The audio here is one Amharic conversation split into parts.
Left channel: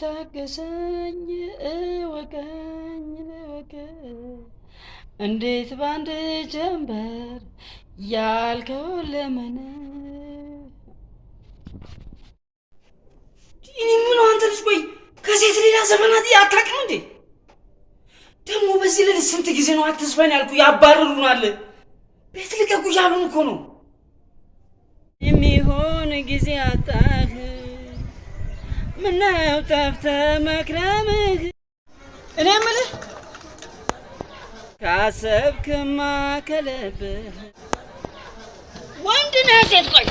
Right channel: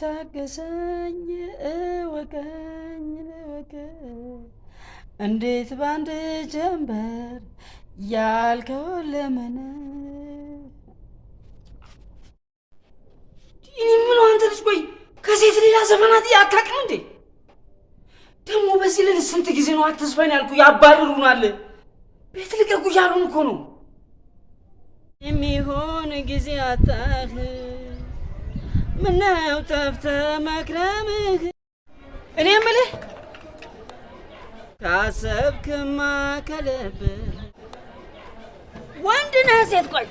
ታገሰኝ እወቀኝ እንዴት ባንድ ጀንበር ያልከው ለምን እኔ ምን አንተ ልጅ ቆይ ከሴት ሌላ ዘፈናት አታውቅም እንዴ? ደግሞ በዚህ ልጅ ስንት ጊዜ ነው አትስፈን ያልኩ ያባርሩናል። ቤት ልቀቁ ያሉን እኮ ነው። የሚሆን ጊዜ አጣህ ምነው ጠፍተህ መክረምህ እኔ የምልህ ካሰብክማ ከልብህ ወንድ ነህ ሴት ቆይ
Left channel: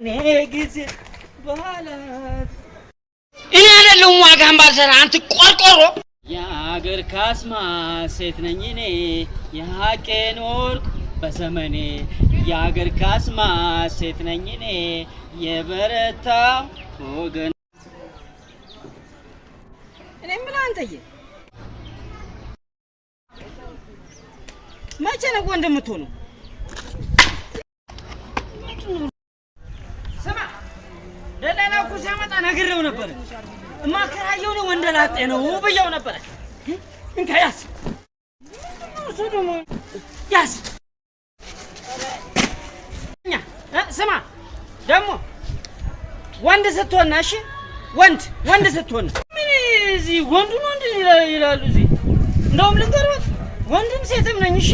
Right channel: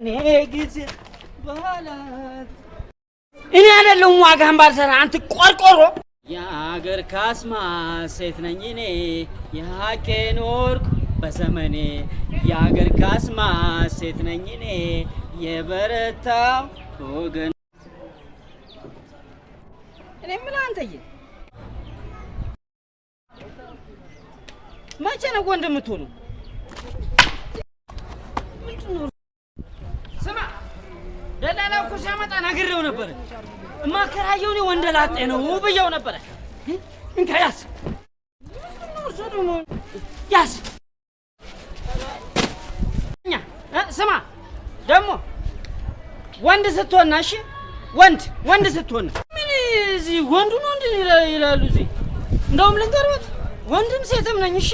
እኔ ጊዜ በኋላት እኔ አይደለሁም ዋጋህን ባልሰራ አንተ ቆርቆሮ የአገር ካስማ ሴት ነኝ እኔ የሀቄ ኖርኩ በዘመኔ የአገር ካስማ ሴት ነኝ እኔ የበረታው ወገን እኔ ምን አንተዬ መቼ ነው ወንድ የምትሆነው? ስማ ደላላ እኮ ሲያመጣ ነግሬው ነበር። እማከራየው ነው ወንደላጤ ነው ብየው ነበር። እንካ ያዝ እሱ ደግሞ ያዝ ስማ ደግሞ ወንድ ስትሆን እሺ ወንድ ስትሆን ምን እዚህ ወንዱ ነው እንዴ ይላሉ እዚህ እንደውም ልንገርዎት ወንድም ሴትም ነኝ እሺ